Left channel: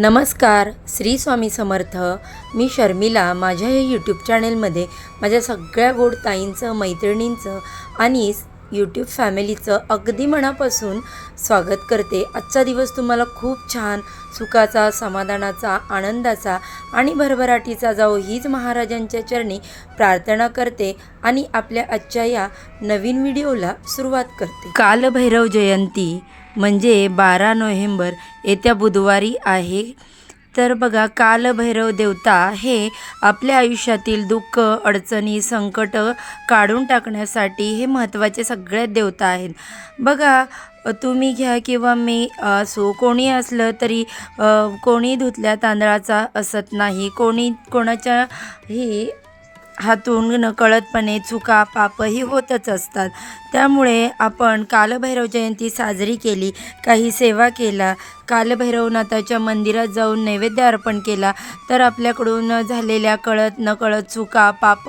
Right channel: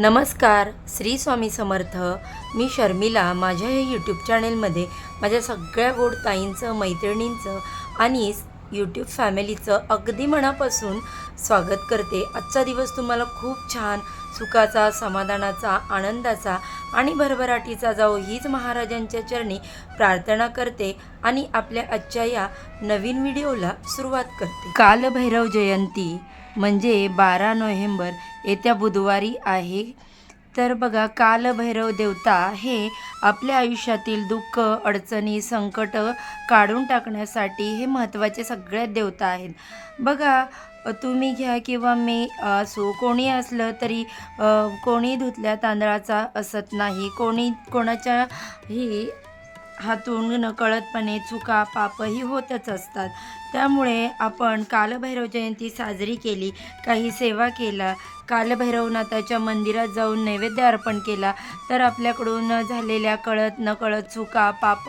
नमस्कार श्री स्वामी समर्थ. मी शर्मिला माझ्या या यूट्यूब चॅनेलमध्ये माझ्या सगळ्या गोड ताईंचं मैत्रिणींचं आणि यूट्यूब फॅमिलीचं अगदी मनापासून स्वागत करते. आजचा दिवस तुम्हाला खूप छान सुखाचा समाधानाचा आनंदाचा आणि भरभराटीचा जाओ हीच महाराजांच्या चरणी प्रार्थना करते आणि आपल्या आजच्या या नवीन व्हिडिओला सुरुवात करते. कालभैरव जयंती म्हणजे बारा नोव्हेंबर येत्या बुधवारी आहे. तर बघा कालभैरव देवता हे आपल्या आयुष्यातील दुःख अडचणी संकट काढून टाकण्यासाठी हे महत्त्वाचे सगळ्यात देवता आहेत. बघा तुम्ही घ्या किंवा मी असो कोणी असलं तरी कोणी धुतल्या तांदळाचा असत नाही कोणी कोणाच्या ही हातून नकळतपणे चुका पापही होतच असतात. त्यामुळे आपण कालभैरव जयंती साजरी केली काही सेवा केला कालभैरवनाथाच्या मंदिरात जाऊन नैवेद्य अर्पण केला तर आपल्याकडून झालेल्या कळत नकळत चुका पाप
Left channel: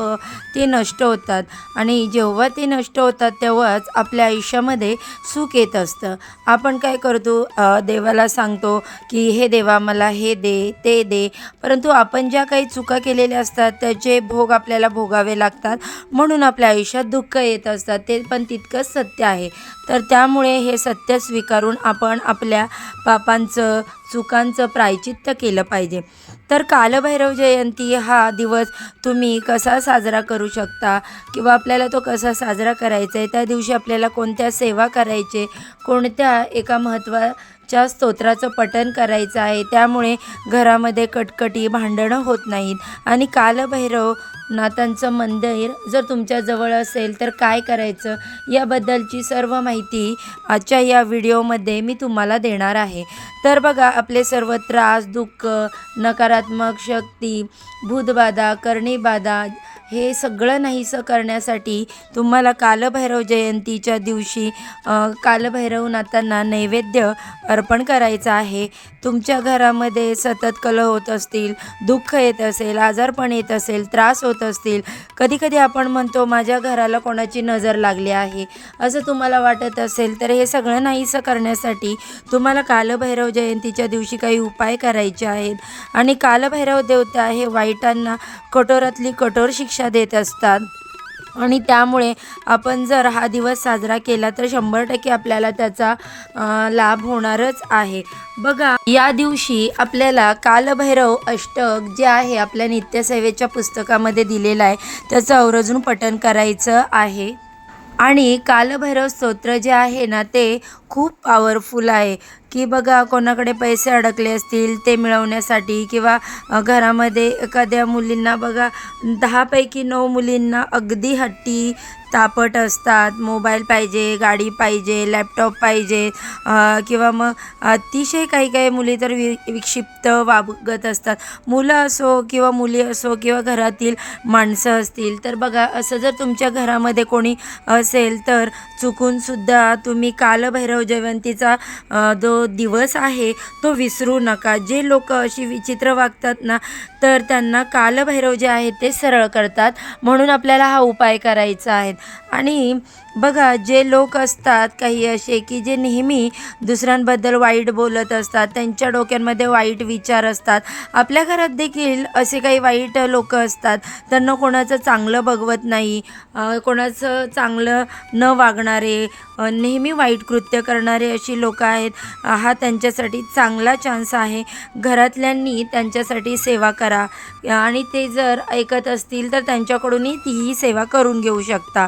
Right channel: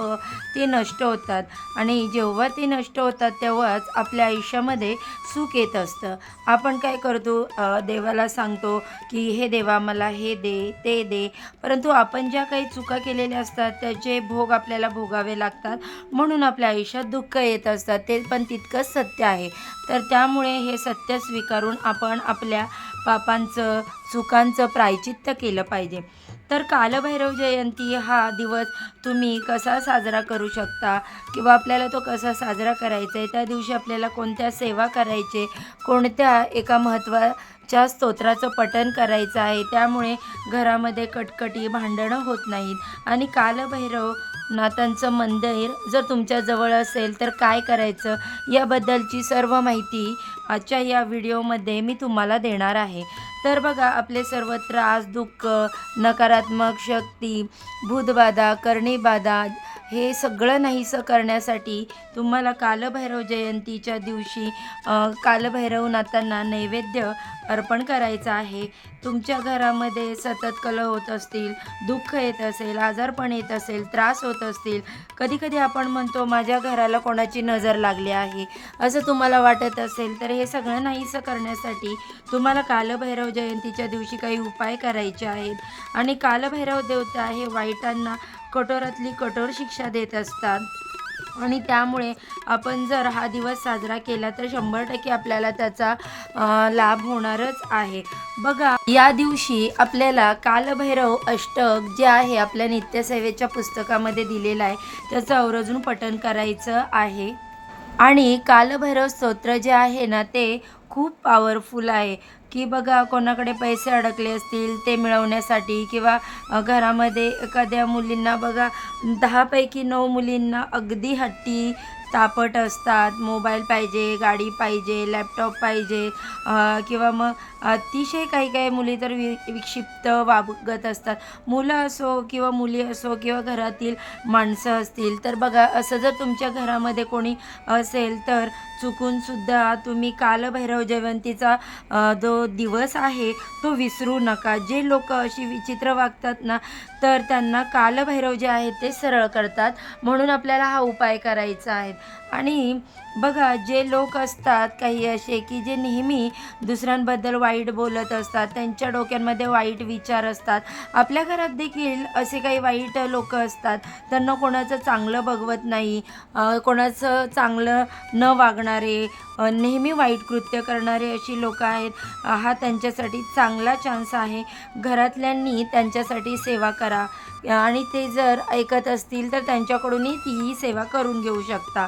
ते नष्ट होतात. आणि जेव्हा ते नष्ट होतात तेव्हाच आपल्या आयुष्यामध्ये सुख येत असतं. आपण काय करतो? देवाला सांगतो की हे देवा मला हे दे ते दे. परंतु आपण ज्या काही चुका केलेल्या असतात त्याचे भोग आपल्याला भोगावे लागतात. म्हणून आपल्या आयुष्यात दुःख येत असतात. ते पण तितकंच सत्य आहे. तर त्यामुळे हे सत्य स्वीकारून आपण आपल्या पापांचं चुकांचं प्रायचित्त केलं पाहिजे. तर कालभैरव जयंती हा दिवस तुम्ही कसा साजरा करू शकता किंवा आपल्याला तो कसा साजरा करायचा आहे? त्या दिवशी आपल्याला कोणत्या सेवा करायचे? कोणत्या एका महत्त्वाच्या स्तोत्राचं पठण करायचं आहे? त्यामुळे घरामध्ये कटकटी भांडणं होत नाहीत. आणि कालभैरव नाथांचं मंदिर जर तुमच्याजवळ असेल तर काय करायचं? याबद्दलची सर्व माहिती आजच्या या व्हिडिओमध्ये मी तुम्हाला देणार आहे. तर बघा आपले सर्व त्रास दुःख नकारात्मक शक्ती भूतबाधा करणीबाधा हे सगळं नाहीसं करण्यासाठी तुम्हाला कालभैरव जयंतीच्या दिवशी कालभैरवनाथांना नैवेद्य अर्पण करायचं आहे. तुमच्या घरामध्ये सतत कलह होत असतील दुःख येत असेल आजारपण येत असेल त्रास होत असतील कधीकधी आपण म्हणतो माझ्या घराला कोणाची नजर लागली आहे? असं तुम्हाला वाटत असेल तर हे सगळं नाहीसं करण्यासाठी तुम्हाला कालभैरव जयंतीच्या दिवशी काही उपाय करायचे आहेत. आणि कालभैरव देवता हे वाईटांना कठोरातली कठोर शिक्षा देत असतात. आणि त्यामुळे आपण जर हा दिवस साजरा केला तर शंभर टक्के आपल्याला त्याचा लाभ होणारच आहे. बघा या दिवशी आपल्याला कालभैरव अष्टक जे आहे आपल्या नित्यसेवेच्या पुस्तकामध्ये दिलेलं आहे त्याचं आवर्जून पठन करायचं आहे. आणि कालभैरव स्तोत्र जे आहे ना ते खूप पॉवरफुल आहे. की बघा कोणाकडे पैसे अडकले असतील ते मिळवण्यासाठी किंवा घरामध्ये एखाद्या मुलींना बघा दहापैकी नऊ मुलींना अगदी हट्टी तापट असतात. मोबाईल पाहिजे गाडी पाहिजे लॅपटॉप पाहिजे किंवा मग अतिशय काही काही मुली तर वि विक्षिप्त वागत असतात. मुलं असो किंवा मुली असो किंवा घरातील माणसं असतील तर बघा असं जर तुमच्या घरामध्ये कोणी असेल तर चुकूनसुद्धा तुम्ही कालभैरव जयंतीचा जो दिवस आहे तो विसरू नका. जे लोक अशी विचित्र वागतात ना तर त्यांना कालभैरव जे आहे ते सरळ करतात. म्हणून आपल्याला हा उपाय करायचा आहे. आणि बघा जे लोक असतात काही असे की जे नेहमी दुसऱ्यांबद्दल वाईट बोलत असतात त्यांच्या डोक्यांमध्ये वाईट विचार असतात. आपल्या घरात देखील असे काही वाईट लोक असतात त्यांना कोणाचं चांगलं बघवत नाही कोणाचं चांगलं न वागणारे नेहमी वाईट कृत्य करणारे अशी लोक आहेत. हा त्यांच्यासाठी चांगला चान्स आहे. घरातल्यांनी त्यांच्यासाठी सेवा करा. आणि ते जर ऐकत असतील तर त्यांच्याकडूनही तीही सेवा करून घेऊ शकता.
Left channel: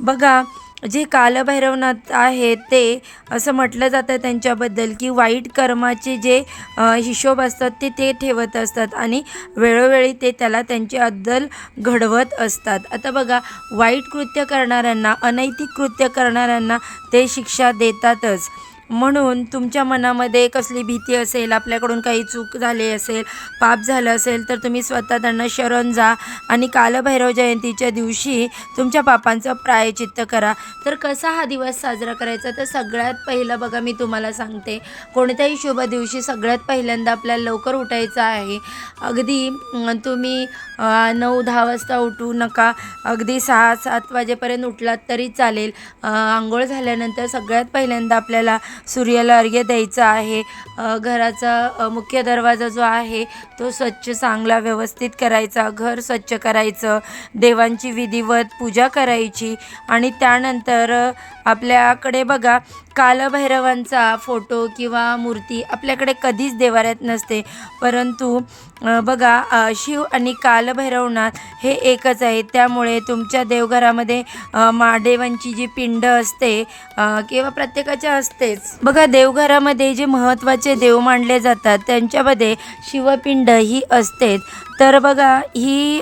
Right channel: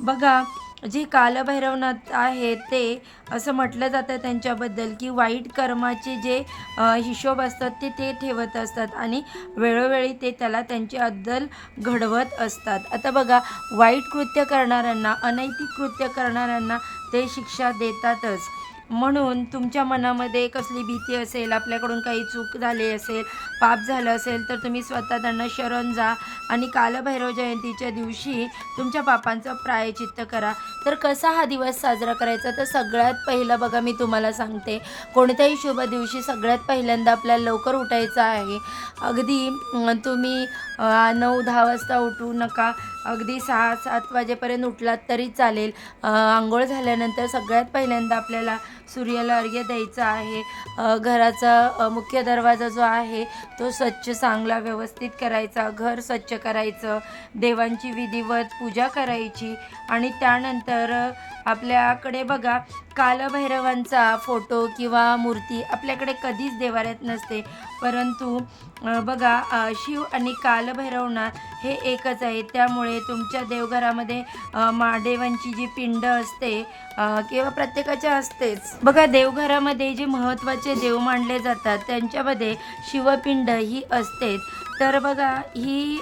बघा जे कालभैरवनाथ आहे ते असं म्हटलं जातं त्यांच्याबद्दल की वाईट कर्माचे जे हिशोब असतात ते ते ठेवत असतात आणि वेळोवेळी ते त्याला त्यांची अद्दल घडवत असतात. आता बघा वाईट कृत्य करणाऱ्यांना अनैतिक कृत्य करणाऱ्यांना ते शिक्षा देतातच. म्हणून तुमच्या मनामध्ये कसली भीती असेल आपल्याकडून काही चूक झाली असेल पाप झालं असेल तर तुम्ही स्वतः त्यांना शरण जा आणि कालभैरव जयंतीच्या दिवशी तुमच्या पापांचं प्रायचित्त करा. तर कसा हा दिवस साजरा करायचा? तर सगळ्यात पहिलं बघा मी तुम्हाला सांगते. कोणत्याही शुभ दिवशी सगळ्यात पहिल्यांदा आपल्याला लवकर उठायचं आहे. अगदी तुम्ही नऊ दहा वाजता उठू नका. अगदी सहा सात वाजेपर्यंत उठलात तरी चालेल. आंघोळ झाल्यानंतर सगळ्यात पहिल्यांदा आपल्याला सूर्याला अर्घ्य द्यायचा आहे. अ, घराचा मुख्य दरवाजा जो आहे तो स्वच्छ चांगला व्यवस्थित करायचा घर स्वच्छ करायचं देवांची विधिवत पूजा करायची आणि त्यानंतर आपल्याकडे बघा कालभैरवांचा फोटो किंवा मूर्ती आपल्याकडे कधीच देवाऱ्यात नसते. परंतु बघा शिव आणि कालभैरवनाथ हे एकच आहे त्यामुळे तुमच्या देवघरामध्ये महादेवांची जी पिंड असते किंवा प्रत्येकाच्या असतेच. बघा देवघरामध्ये जे महत्त्वाचे देव मानले जातात त्यांच्यामध्ये शिवपिंड ही असते तर बघा ही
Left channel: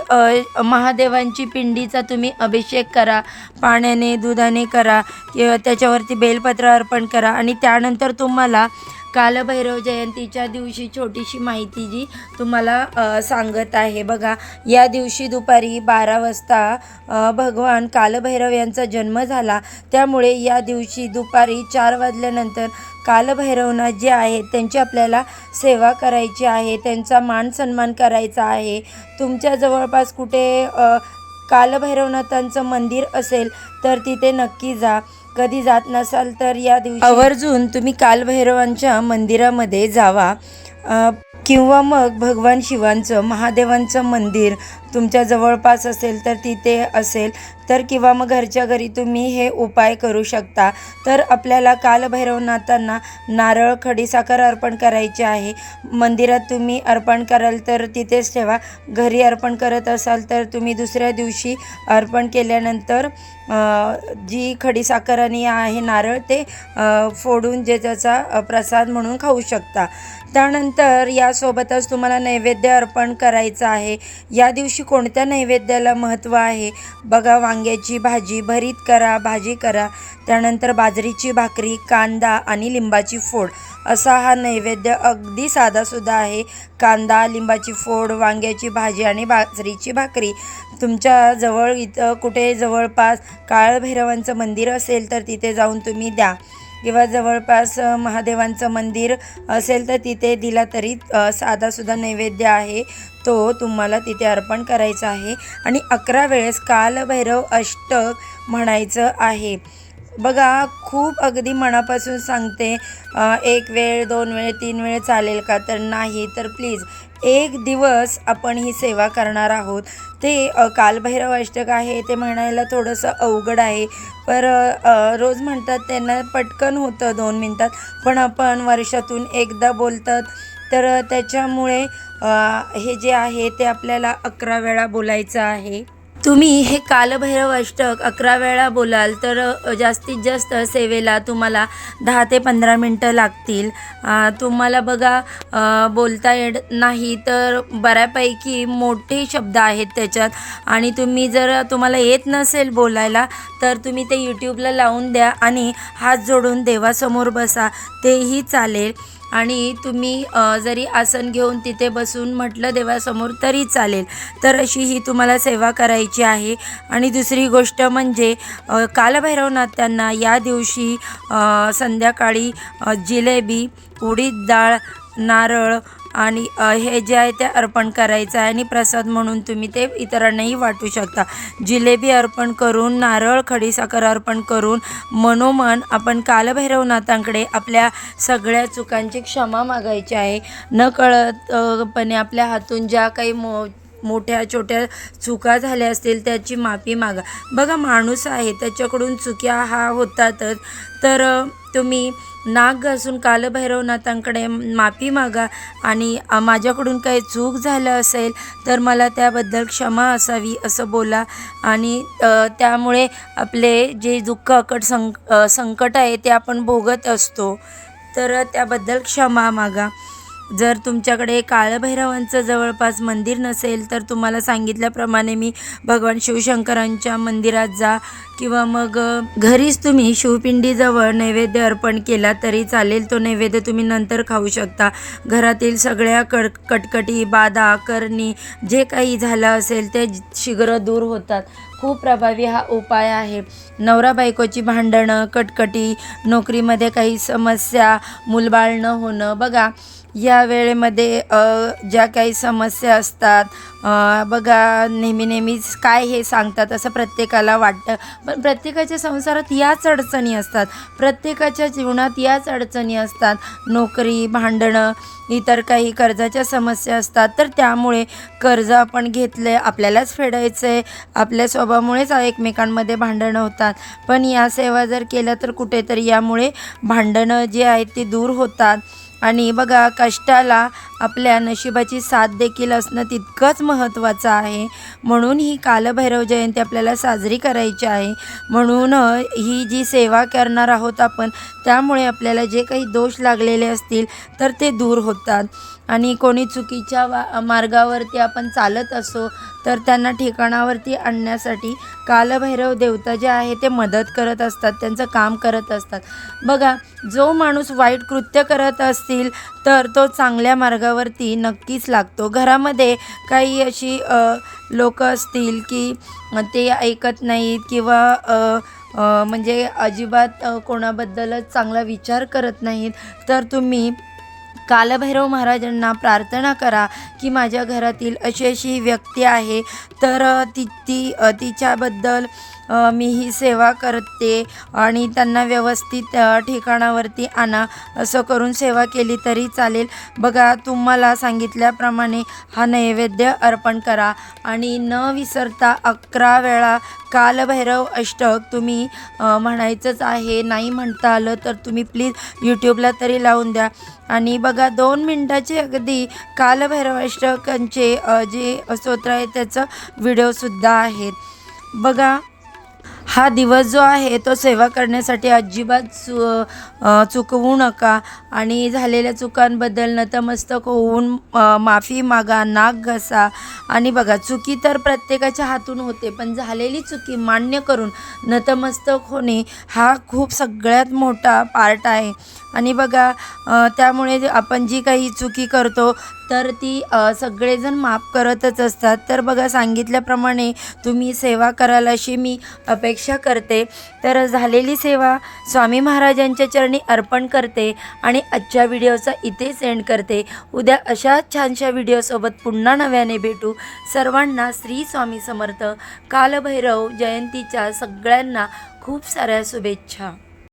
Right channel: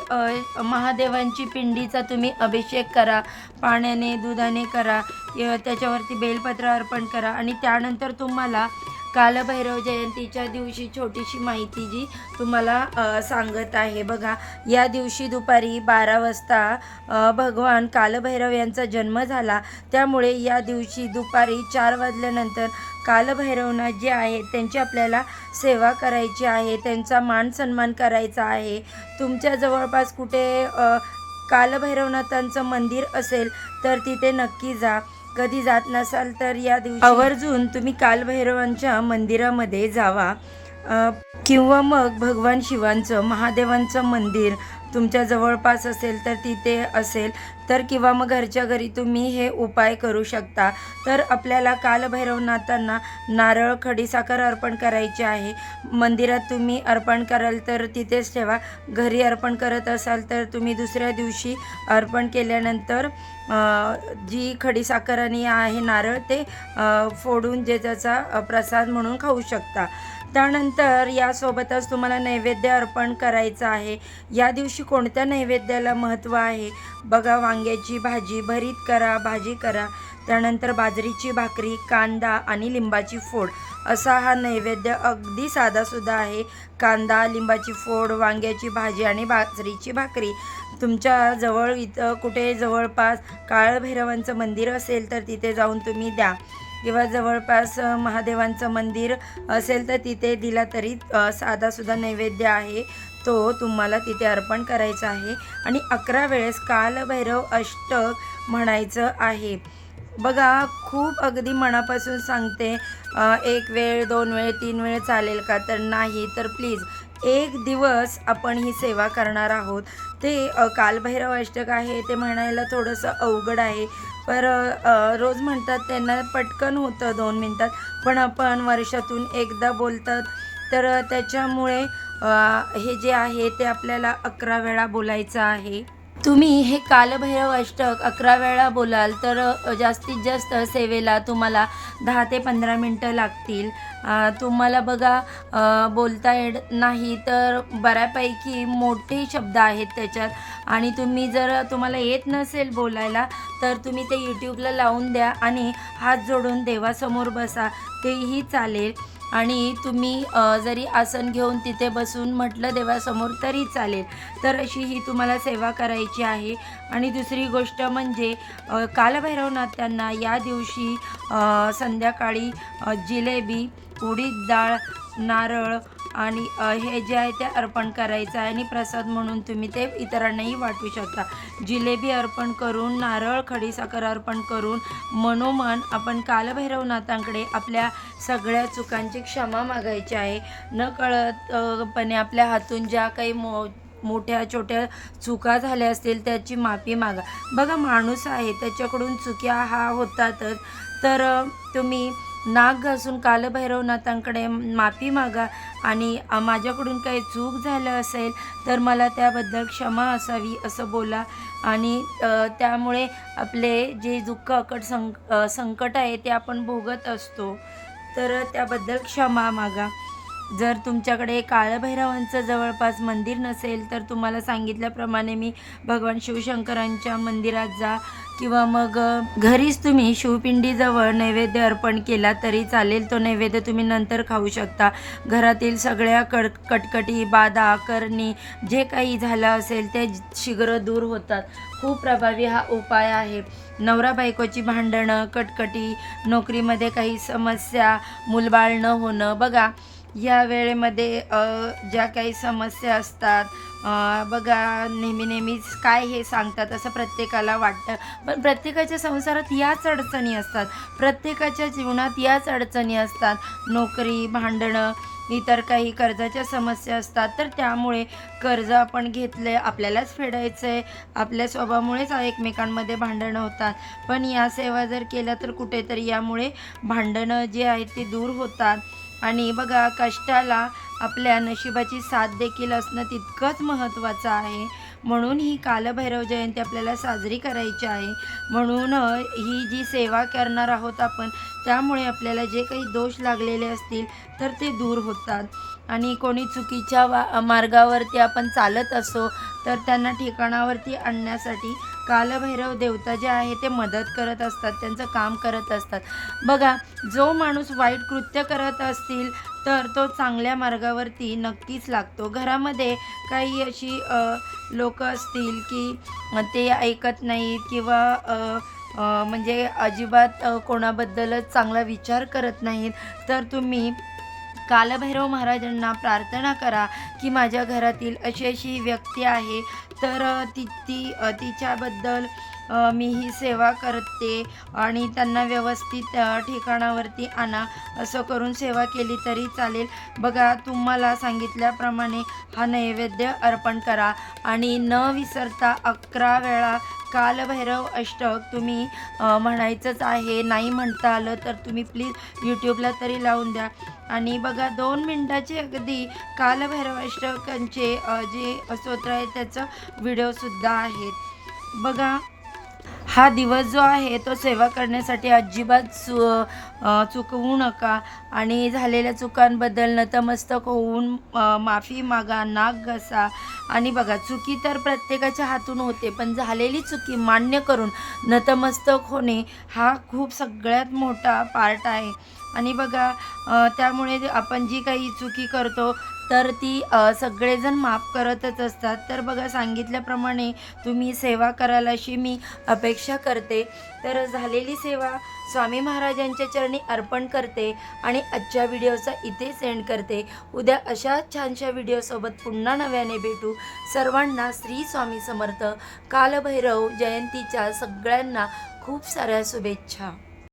महादेवांची पिंडीचा तुम्ही अभिषेक करा पाण्याने दुधाने करा किंवा त्याच्यावरती बेलपत्र अर्पण करा आणि त्यानंतर तुम्हाला कालभैरव जयंतीच्या दिवशी छोटीशी माहिती जी तुम्हाला सांगत आहे. बघा या दिवशी दुपारी बारा वाजता भगवान कालभैरव यांचा जन्म झाला. त्यामुळे या दिवशी दुपारी चार वाजल्यानंतर कालभैरवनाथ जे आहेत त्यांची आपल्याला सेवा करायची आहे त्यांचा मान सन्मान करायचा आहे. तुमच्या जवळपास कुठे कालभैरवनाथांचं मंदिर असेल तर तिथे नक्की जा. कधी जात नसाल तर या दिवशी आवर्जून तुम्ही कालभैरवांच्या मंदिरामध्ये जावा. किंवा मग भगवान शिवांचं महादेवांचं मंदिर तुमच्या जवळपास असेल तर तिथे असेल तर किंवा मग घरच्या घरी तुम्ही हे उपाय करू शकता. तर आपल्याला कालभैरवनाथांना नारळ खडीसाखर अर्पण करायची आहे. मंदिरात तुम्ही अर्पण कराल तर तिथेच ठेवा. घरी अर्पण करत असाल तर तुम्ही दुसऱ्या दिवशी अर्पण केल्यानंतर जी खडीसाखर आणि आहे नारळ ते फोडून जे त्याचा प्रसाद म्हणून खाऊ शकता. त्यानंतर यासोबतच तुम्हाला नैवेद्य अर्पण करायचं आहे. या दिवशी कोणत्या नैवेद्याला महत्त्व आहे? बघा वांग्याची भाजी भरीत करा भाजी करा. त्यानंतर बाजरीची भाकरी कांदा आणि लिंबाची फोड. असा हा नैवेद्य अगदी साधासुद्धा आहे. कांदा लिंबाची फोड वांग्याची भाजी आणि बाजरीची भाकरी. तुमच्या जवळ इथं कुठे जवळपास काळभैरवांचं मंदिर असेल तर तिथे जाऊन तुम्ही द्या. किंवा जवळपास महादेवांचं मंदिर असेल तर तिथे दिला तरी साधासुद्धा नैवेद्य आहे. तो तुम्हाला तिथे अर्पण करायचा आहे. आणि अकरा वेळेस कालभैरव अष्टक म्हणायचं आहे. बघा खूप अगदी मनापासून सांगते एक वेळ दोन वेळ तीन वेळ चालेल का? तर नाही तर प्लीज एक दिवस आपण ही सेवा करणार आहोत. ते कालभैरव अष्टक आहे ते म्हणायला थोडंसं अवघड आहे. पर रोज म्हणतात त्यांना पटकन होतं दोन मिनटात पण आपण वर्षातून एकदा बोलतात. तर त्याच्यामुळे हे जे आहे ते आपल्याला अकरा वेळा बोलायचं आहे. तुम्ही हे कालभैरव अष्टक अकरा वेळा बोलाल तर जास्तीत जास्त सेवेला तुम्हाला दहा ते पंधरा मिनटं लागतील. तुम्हाला बघा बोलता येत नाही तर बऱ्यापैकी मोठे शब्द आहेत त्याच्यात. आणि तुम्ही जर तुम्हाला येत नसेल बोलायला तर तुम्ही ते यूट्यूबला लावून द्या आणि हात जोडून देवासमोर बसा. तेही चालेल. आणि तुम्ही जरी आसन घेऊन तिथे बसून म्हटलं देवासमोर तरी चालेल. तर अशी ही तुम्हाला सेवा करायची आहे. आणि दुसरी गोष्ट म्हणजे कालभैरवनाथांना या दिवशी संध्याकाळी जिलेबी उडीद डाळ नारळ आणि हे जे आहे ते अर्पण करायचं आहे आणि प्रसाद म्हणून तुम्ही ते इतरांनाही वाटू शकता. जिलेबी अर्पण करून नारळ खडीसाखर अर्पण करून मनोमन आपण कालभैरवनाथांकडे आपल्या सगळ्या चुकांची क्षमा मागायची आहे. न कळतपणे आपल्या हातून ज्या काही मो मोठ्या छोट्या चुका झाल्या असतील त्याची माफी मागा. बघा माणूस आहे त्याच्याकडून चुक्या हा होतातच. तर तुम्ही नाक घासून कालभैरवनाथांकडे माफी मागा आणि माझ्याकडून काही चूक झालं असेल तर मला त्याबद्दल क्षमा असावी असं बोला. आणि त्यामुळे आपले जे दुःख अकट संक संकट आहे ते आपण भोगत असतो. तर त्याबद्दल क्षमा मागा. जर तुमच्याकडे काळभैरवांचं जवळपास मंदिर नसेल तर तुम्हाला सांगितल्याप्रमाणे मी भगवान शिवशंकरांच्या मंदिरात जा किंवा मग घरीच तुम्ही शिवपिंडीजवळ नैवेद्य अर्पण केला तरी चालेल. तो नैवेद्य तुम्ही नंतर खाऊ शकता. घरातील सगळ्या कड कटकटी बाधा करणी जे काही झालं असेल ते शीघ्र दूर होतात. खूप प्रभावी हा उपाय आहे. नवरा बायकोची भांडणं कटकटी नोकरीमध्ये काही समस्या मुलबाळ न होणं बघा. या वेळेमध्ये ज्या काही समस्या असतात बघा नेहमी नेहमीच काय हे सांगतात असं प्रत्येकाला वाटतं. पण प्रत्येकाच्या संसारात याच अडचणी असतात. प्रत्येकाच्या जीवनात याच अडचणी असतात. नोकरी भांडणं इतर काही कर्जाच्या समस्या असतात. तर त्यामुळे कर्ज आपण घेतले आपल्यालाच फेडायचं आहे आपल्या स्वभावामुळेच एकमेकांमध्ये भांडणं होतात. पण या सेवा जर केल्या तर कुठेतरी यामुळे भांडणं जी आहेत ती दूर होतात. आणि बघा कष्टाला आपल्या नशिबाची साथ देखील असणं तितकंच महत्त्वाचं आहे. म्हणून ही कालभैरव जयंती आपल्याला साजरी करायची आहे. म्हणून ही जी सेवा करणार आहोत आपण त्यामुळे आपल्याला जे काही दोष लागलेले असतील तर ते दूर होतात. आणि कोणी चुकीच्या वा मार्गावरती आपण चालत असो तर त्यांना ठिकाणावरती आणण्यासाठी कालभैरव देवता जे आहे ते मदत करत असतात त्यांचं काम करत असतात. बघा जो माणूस वाईट कृत्य करत असतील तर तो चांगल्या मार्गावरती नक्कीच लागतो. घरामध्ये काही अशी लोक असतील की ते ऐकत नाहीत किंवा म्हणजे अजिबात कोणाबद्दलच चांगला विचार करत नाहीत तर तुम्ही कालभैरव महाराजांना प्रार्थना करा की माझ्या घरातील अशी अशी व्यक्ती आहे. तर ती ती तिच्याबद्दल मी ही सेवा करते आणि त्यांना व्यवस्थित ठिकाणावरती आणा. असं करून सेवा केली तरी चालेल. बघा तुम्हाला सांगितल्याप्रमाणे हा नैवेद्य अर्पण करा. आणि न विसरता अकरा वेळा कालभैरव अष्टक तुम्ही म्हणायचंच आहे नाही म्हणता आलं तर तुम्ही प्लीज यूट्यूबला तरी लावून द्या. आणि बघा दोन मिनटाचे अगदी कालभैरव अष्टकांचे जे स्तोत्र आहे त्याचं व्हिडिओसुद्धा आहेत. बघा हा दिवस जो आहे तो सेवा करण्यासाठी अजिबात चु चुकवू नका. आणि झालेल्या चुकांबद्दल नतमस्तक होऊन माफी मागा नाक घसा. आणि बघा चुकी तर प्रत्येकाच्या हातून होते पण झालेली चुकी मान्य करून नतमस्तक होणे हा खूप सगळ्यात मोठा पार्ट आहे. आणि बघा त्यामुळे आपण जी काही चुकी करतो तर ती सगळेजण माफ करतच असतात. तर बघा सांगितल्याप्रमाणे तुम्ही सेवा कराल अशी मी अपेक्षा करते. तर झालेली सेवा स्वामी महाराजांच्या चरणी अर्पण करते आणि आजच्या व्हिडिओचा इथे सेंड करते. उद्या अशा छानशा व्हिडिओसोबत पुन्हा नव्याने भेटू. सर्वांना श्री स्वामी समर्थ. कालभैरव जयंतीच्या सगळ्यांना खूप साऱ्या शुभेच्छा.